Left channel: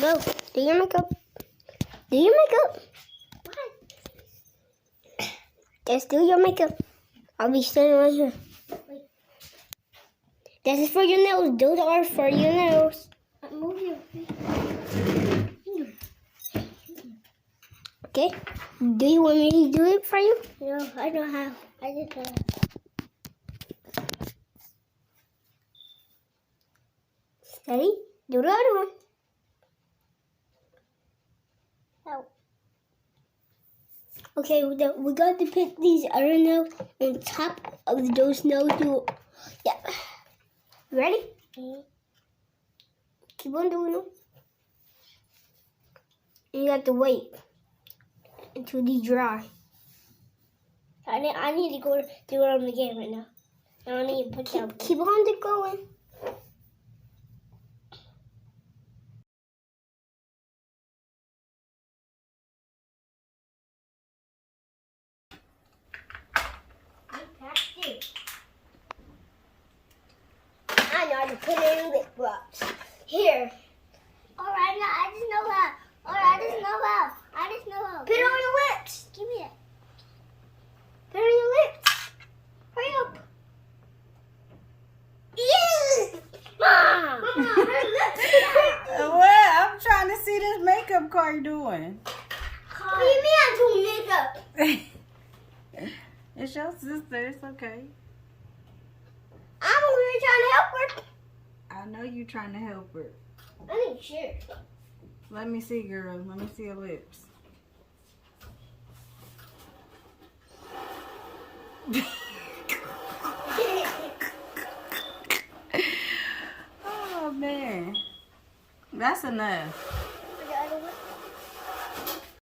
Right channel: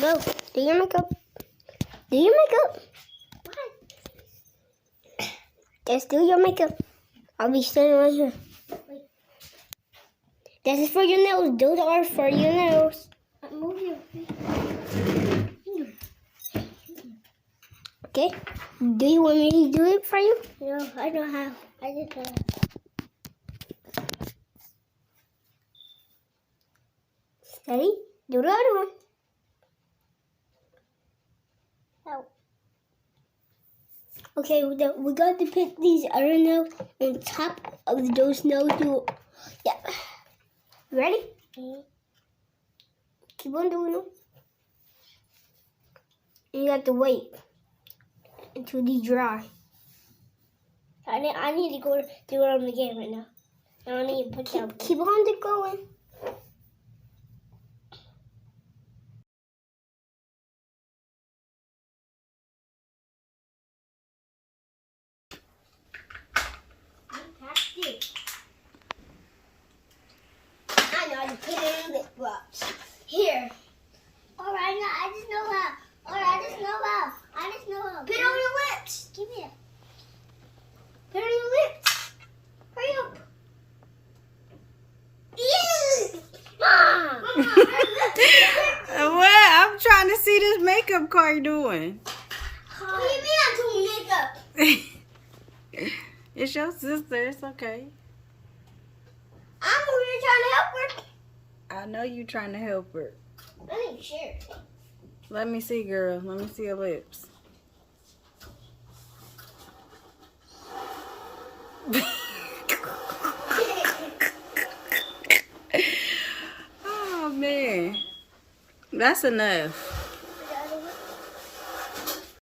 Go. Do your makeup. Do your makeup. What? Just do your makeup. I'll be standing right here. Wait. This is for your nails. Those are for your nails. Move your feet. Okay. Do you want me to do it for you? No, I don't have. I just have. Steady. Do the other one. Help. Okay, we got to put these other nails on top of those nails. Yeah. Ready? Mm-hmm. Keep on doing them. And you have to wait until they dry. I need to go do it on the game right now. I don't need to put down. Keep on going. I know how to put it in lip gloss. Here. Alright, now I just know how. Alright, I just know how. Put it on your lips. Give me it. Put it on your lips. Hurry up. Mom! What? I'm trying to see this makeup car you doing. What do you mean I'm doing makeup? It's your sister. It's okay. I'm over here trying to help her. I know you trying to help her. I need to share. Let me see, girl. Let me see your lips. Oh, man. That's enough.